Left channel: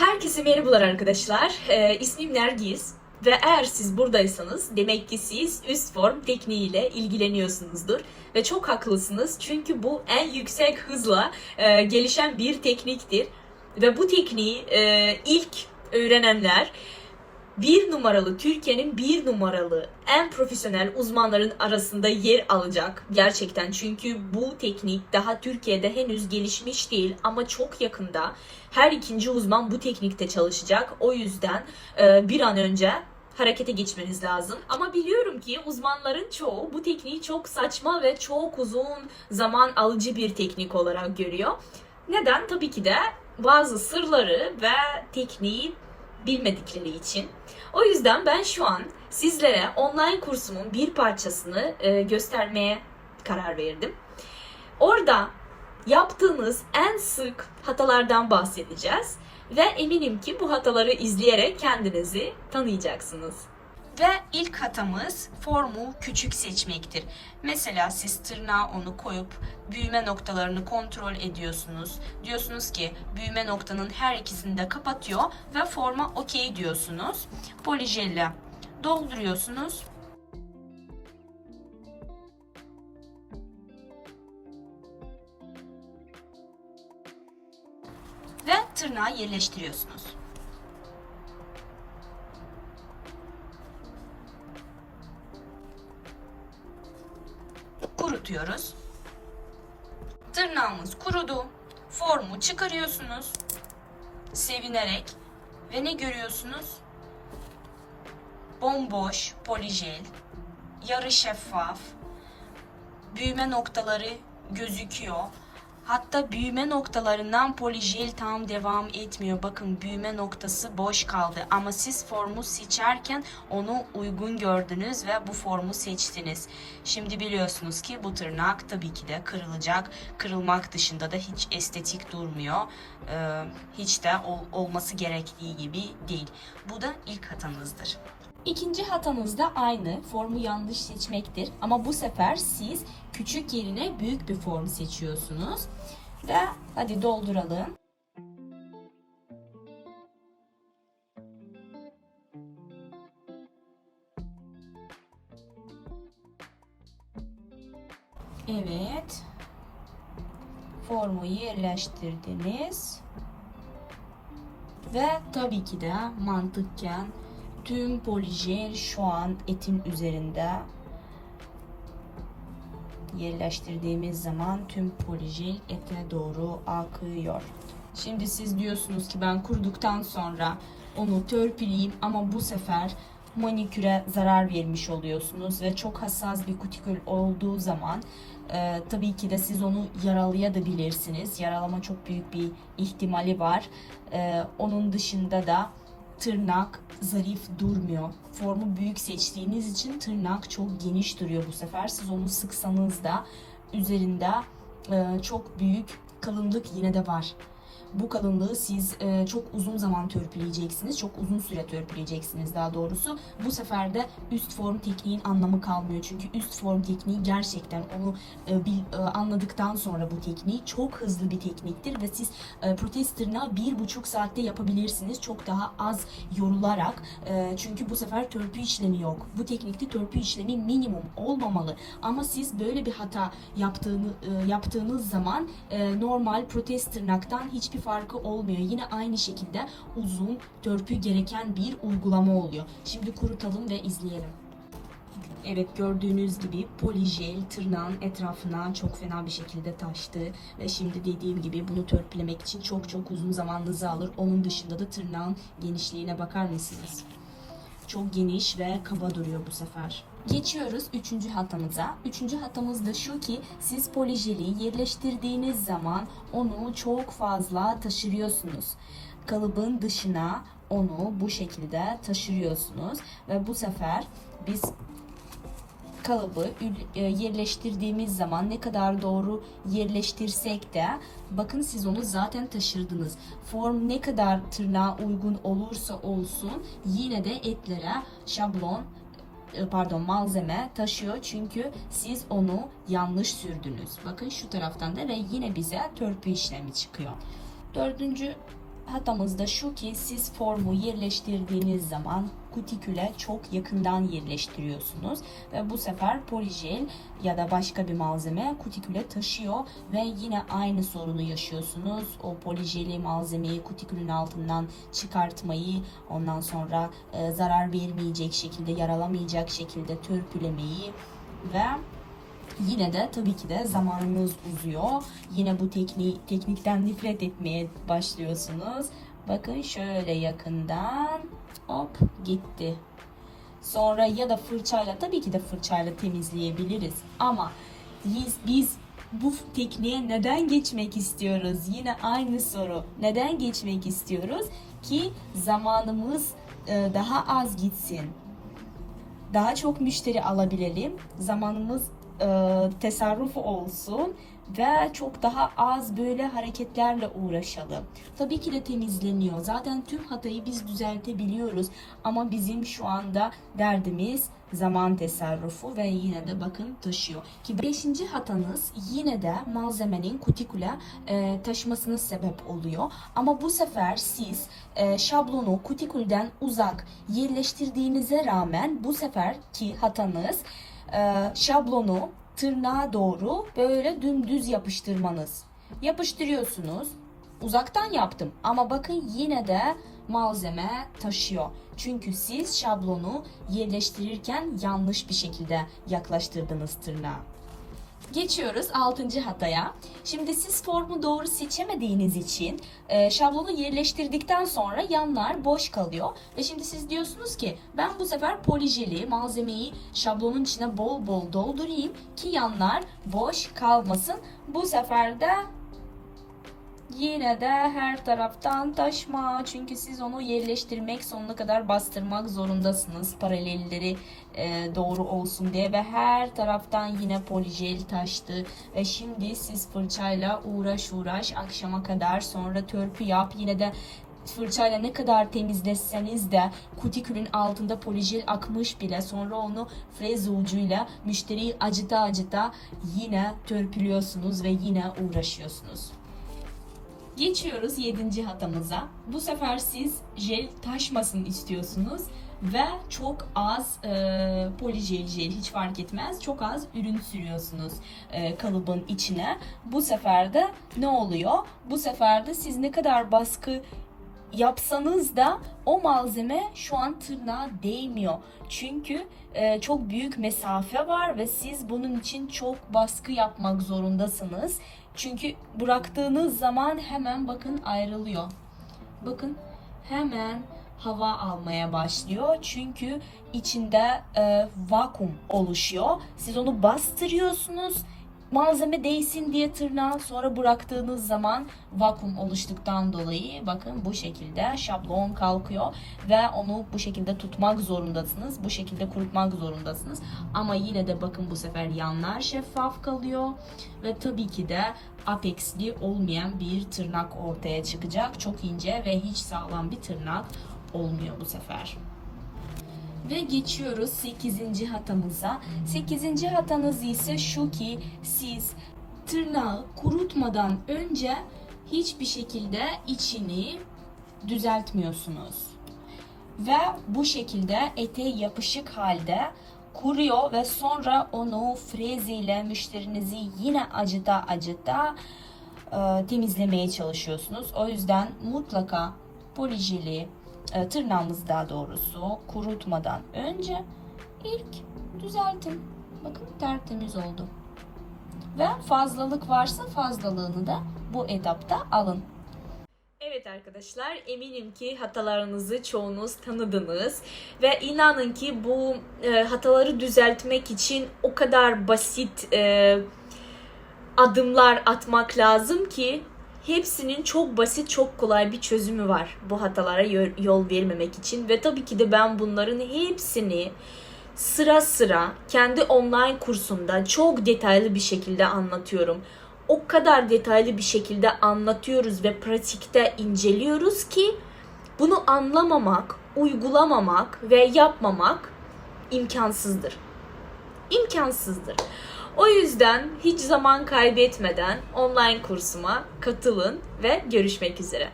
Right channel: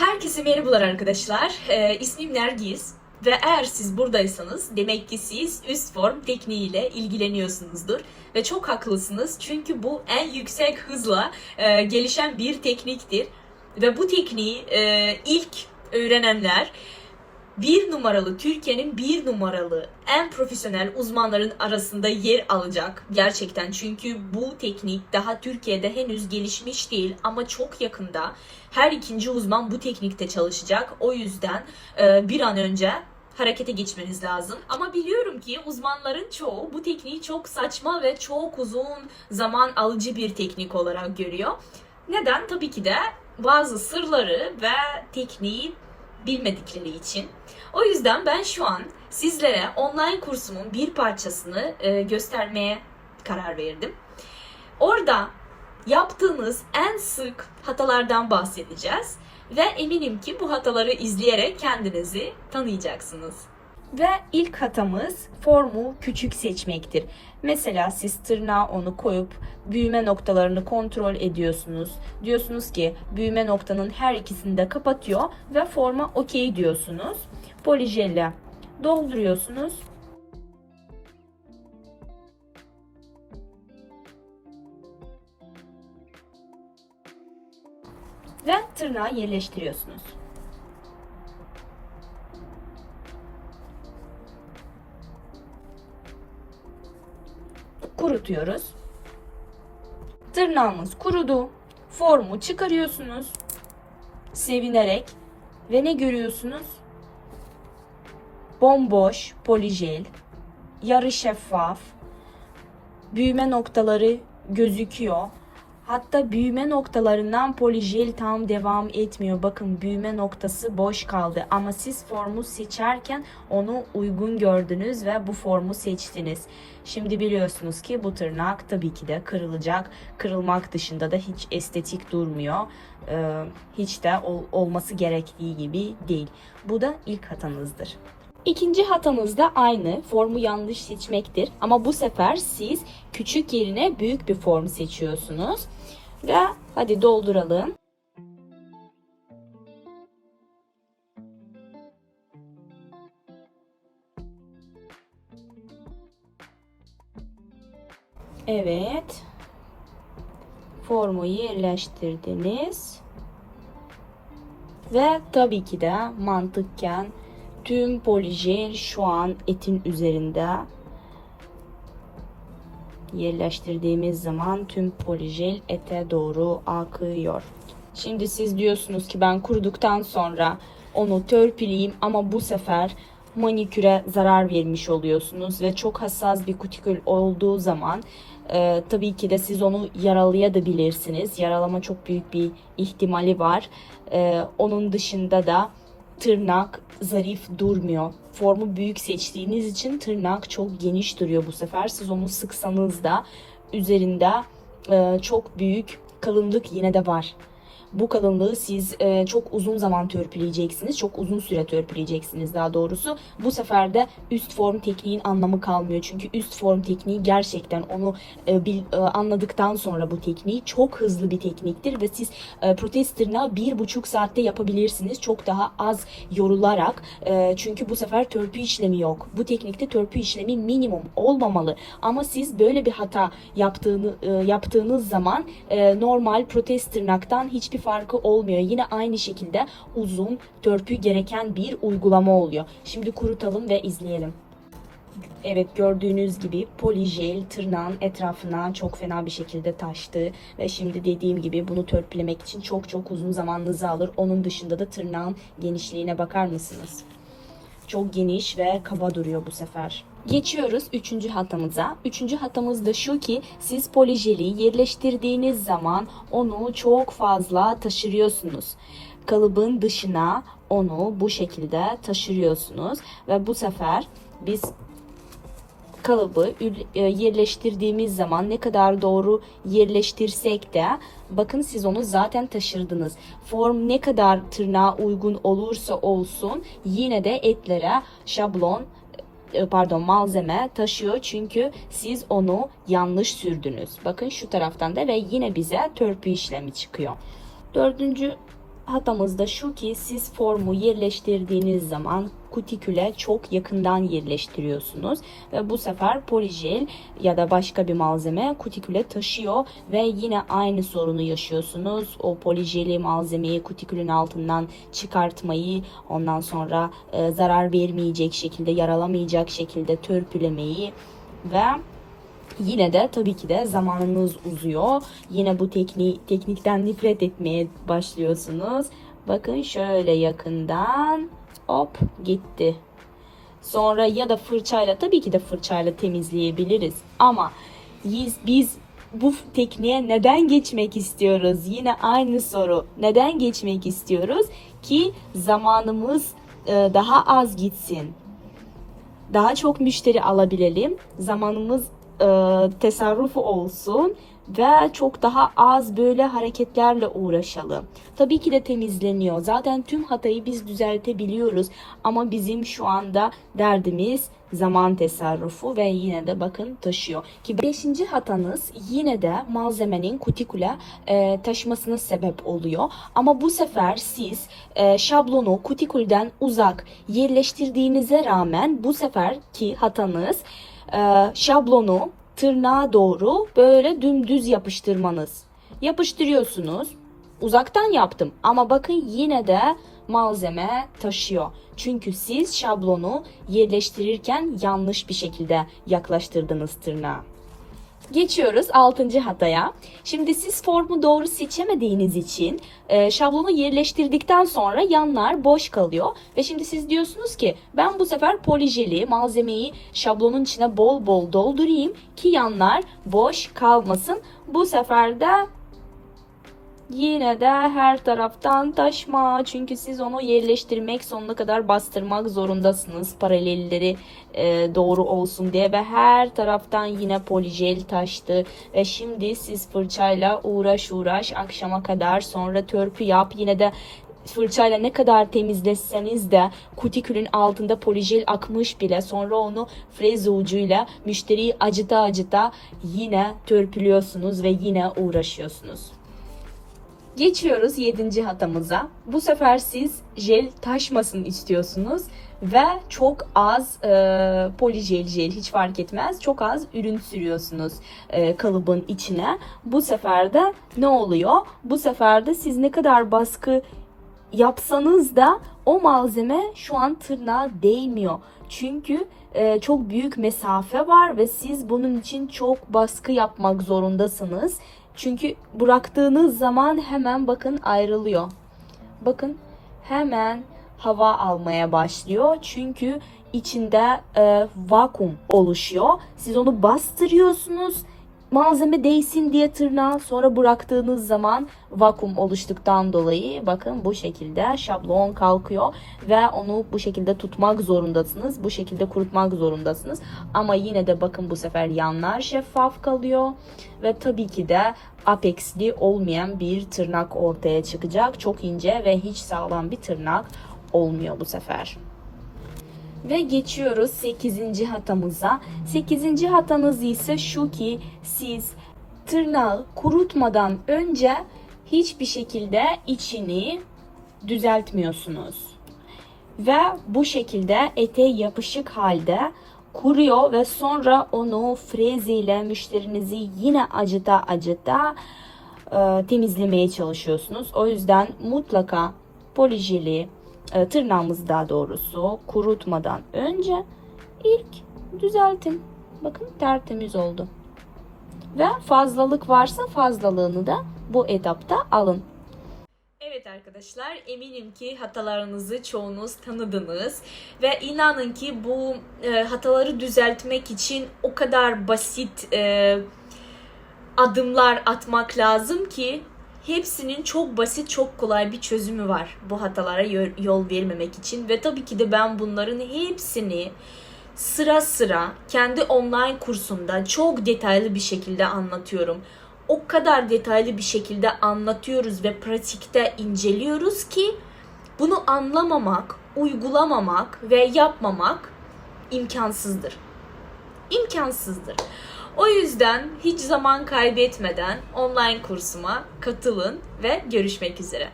Herkese merhabalar arkadaşlar. Ee, ismim Nergis ve eğer siz buradaysanız demek ki siz üst form tekniğiyle ilgileniyorsunuzdur. Ve çok haklısınız çünkü bu en yüksek hızla e, gelişen bir tekniktir. Ve bu tekniği e, ilk öğrenenler bir numaralı Türkiye'nin bir numaralı en profesyonel uzmanların arasında yer alacak gerçekten çünkü bu teknik daha Türkiye'de henüz gelişmiş değil ama çok yakında her ikinci uzman bu teknikte çalışacak o yüzden e, bir an önce harekete geçmeniz lazım. Ama biliyorum ki uzmanların çoğu bu tekniği çok saçma ve çok uzun zaman alıcı bir teknik olarak görüyor. Neden? Tabii ki de bazı sırları ve tekniği bilmedikleri için. O yüzden ben şu an sizlere online kursumun bir parçasını e, göstermeye karar verdim. Orada yaptığınız en sık hatalardan bahsedeceğiz ve eminim ki bu hataları izleyerek kendinizi tanıyacaksınız. Ve ilk hatamız formu küçük seçmektir. Mesela siz tırnağa onu koyup büyüme noktalarını kontrol ediyorsunuz. Diyorsunuz ki büyüme noktanın her ikisini de kapatıyor ve forma okey diyorsunuz. Polijelle dolduruyorsunuz. Ve tırnağı yerleştiriyorsunuz. Kurutuyoruz. Tırnağımız kurudu. Formu çıkarıyorsunuz. Sevinerek ve ne görüyorsunuz? Bomboş polijel, yarı şeffaf, büyüme noktaları gözüküyor. Hatta büyüme noktalarından polijel tam devam etmiyor. Bakın büyüme noktası boş kaldı. Ama siz formu seçerken onu uygun gördünüz ve bu formu seçtiniz. Şimdi biliyorsunuz ki bu tırnak tabii ki de kırılacak. Kırılmak dışında da hiç estetik durmuyor. Ee, hiç de ol- olması gerektiği gibi değil. Bu da ilk hatanızdır. İkinci hatamız da aynı. Formu yanlış seçmektir. Ama bu sefer siz küçük yerine büyük bir form seçiyorsunuz. Ve hadi dolduralım. Evet. Formu yerleştirdiniz. Ve tabii ki de mantıkken tüm polijel şu an etin üzerinde yerleştirdiğimiz zaman tüm polijel ete doğru akıyor. Şimdi siz diyorsunuz ki ben kuruduktan sonra onu törpüleyeyim ama bu sefer maniküre zarar vermiş oluyorsunuz ve çok hassas bir kutikül olduğu zaman e, tabii ki de siz onu yaralayabilirsiniz. Yaralama çok büyük bir ihtimali var. E, onun dışında da tırnak zarif durmuyor. Formu büyük seçtiğiniz için tırnak çok geniş duruyor bu sefer. Siz onu sıksanız da üzerinde e, çok büyük kalınlık yine de var. Bu kalınlığı siz e, çok uzun zaman törpüleyeceksiniz. Çok uzun süre törpüleyeceksiniz daha doğrusu. Bu sefer de üst form tekniğin anlamı kalmıyor. Çünkü üst form tekniği gerçekten onu e, bil, e, anladıktan sonra bu tekniği çok hızlı bir tekniktir ve siz e, protez tırnağı bir buçuk saatte yapabilirsiniz. Çok daha az yorularak. E, çünkü bu sefer törpü işlemi yok. Bu teknikte törpü işlemi minimum olmamalı. Ama siz böyle bir hata yaptığını e, yaptığınız zaman e, normal protez tırnaktan hiçbir farkı olmuyor. Yine aynı şekilde uzun törpü gereken bir uygulama oluyor. Şimdi kurutalım ve izleyelim. Evet gördüğünüz gibi polijel tırnağın etrafına çok fena bir şekilde taştı ve şimdi dediğim gibi bunu törpülemek için çok çok uzun zamanınızı alır. Onun dışında da tırnağın genişliğine bakar mısınız? Çok geniş ve kaba duruyor bu sefer. Geçiyoruz üçüncü hatamıza. Üçüncü hatamız da şu ki siz polijeli yerleştirdiğiniz zaman onu çok fazla taşırıyorsunuz. Kalıbın dışına onu bu şekilde taşırıyorsunuz ve bu sefer biz kalıbı e, yerleştirdiğimiz zaman ne kadar doğru yerleştirsek de bakın siz onu zaten taşırdınız. Form ne kadar tırnağa uygun olursa olsun yine de etlere şablon pardon malzeme taşıyor çünkü siz onu yanlış sürdünüz. Bakın şu taraftan da ve yine bize törpü işlemi çıkıyor. Dördüncü hatamız da şu ki siz formu yerleştirdiğiniz zaman kutiküle çok yakından yerleştiriyorsunuz ve bu sefer polijel ya da başka bir malzeme kutiküle taşıyor ve yine aynı sorunu yaşıyorsunuz. O polijeli malzemeyi kutikülün altından çıkartmayı, ondan sonra e, zarar vermeyecek şekilde, yaralamayacak şekilde törpülemeyi ve Yine de tabii ki de zamanınız uzuyor. Yine bu teknik teknikten nefret etmeye başlıyorsunuz. Bakın şöyle yakından hop gitti. Sonra ya da fırçayla tabii ki de fırçayla temizleyebiliriz. Ama biz, biz bu tekniğe neden geçmek istiyoruz? Yine aynı soru. Neden geçmek istiyoruz? Ki zamanımız e, daha az gitsin daha çok müşteri alabilelim. Zamanımız e, tasarrufu olsun ve çok daha az böyle hareketlerle uğraşalım. Tabii ki de temizleniyor. Zaten tüm hatayı biz düzeltebiliyoruz. Ama bizim şu anda derdimiz zaman tasarrufu ve yine de bakın taşıyor. Ki beşinci hatanız yine de malzemenin kutiküle e, taşmasına sebep oluyor. Ama bu sefer siz e, şablonu kutikülden uzak yerleştirdiğinize rağmen bu seferki hatanız e, şablonu tırnağa doğru böyle dümdüz yapıştırmanız. Yapıştırıyorsunuz. Uzaktan yaptım ama bakın yine de malzeme taşıyor. Çünkü siz şablonu yerleştirirken yanlış bir şekilde yaklaştırdınız tırnağa. Geçiyoruz 6. hataya. Şimdi siz formu doğru seçemediğiniz için e, şablonu yerleştirdikten sonra yanlar boş kalıyor. Ve şimdi siz diyorsunuz ki ben bu sefer polijeli malzemeyi şablonun içine bol bol doldurayım ki yanlar boş kalmasın. Bu sefer de Yine de her taraftan taşma. Çünkü siz onu yerleştirmek sonuna kadar bastırmak zorundasınız paralelleri e, doğru olsun diye. Ve her taraftan yine polijel taştı. Ve şimdi siz fırçayla uğraş uğraş akşama kadar sonra törpü yap. Yine de fırçayla ne kadar temizleseniz de kutikülün altında polijel akmış bile. Sonra onu freze ucuyla müşteriyi acıta acıta yine törpülüyorsunuz ve yine uğraşıyorsunuz. Geçiyoruz 7. hatamıza. Bu sefer siz jel taşmasın istiyorsunuz ve çok az e, polijel jel hiç fark etmez çok az ürün sürüyorsunuz e, kalıbın içine. Bu sefer de ne oluyor? Bu sefer de siz ne kadar baskı yapsanız da o malzeme şu an tırnağa değmiyor. Çünkü e, çok büyük mesafe var ve siz bunun için çok baskı yapmak zorundasınız. Çünkü bıraktığınız zaman hemen bakın ayrılıyor. Bakın hemen hava almaya başlıyor. Çünkü içinde e, vakum oluşuyor. Siz onu bastırıyorsunuz. Malzeme değsin diye tırnağa sonra bıraktığınız zaman vakum oluştuktan dolayı bakın bu şekilde şablon kalkıyor ve onu bu şekilde tutmak zorundasınız. Bu şekilde kurutmak zorundasınız. Ama yine de bakın bu sefer yanlar şeffaf kalıyor ve tabii ki de apexli olmayan bir tırnak ortaya çıkacak. Çok ince ve hiç sağlam bir tırnak olmuyor bu sefer. Ve geçiyoruz 8. hatamıza. 8. hatanız ise şu ki siz tırnağı kurutmadan önce hiçbir şekilde içini düzeltmiyorsunuz. Ve bu şekilde ete yapışık halde kuruyor ve sonra onu freziyle müşterinizi yine acıta acıta e, temizlemeye çalışıyorsunuz. O yüzden mutlaka polijeli e, tırnağımızı daha doğrusu kurutmadan önce ilk düzeltin. Bakın tertemiz oldu. Ve fazlalık varsa fazlalığını da bu etapta alın. Evet arkadaşlar eminim ki hatalarınızı çoğunuz tanıdınız ve inanın ki bu e, hataları düzeltmek için o kadar basit e, adımlar atmak lazım ki hepsinin çok basit, çok kolay bir çözümü var bu hatalara yol vermemek için ve tabii ki de ben bunların hepsini sıra sıra kendi online kursumda çok detaylı bir şekilde anlatıyorum. O kadar detaylı bir şekilde anlatıyoruz ve pratikte inceliyoruz ki bunu anlamamak, uygulamamak ve yapmamak imkansızdır. İmkansızdır. O yüzden hiç zaman kaybetmeden online kursuma katılın ve görüşmek üzere.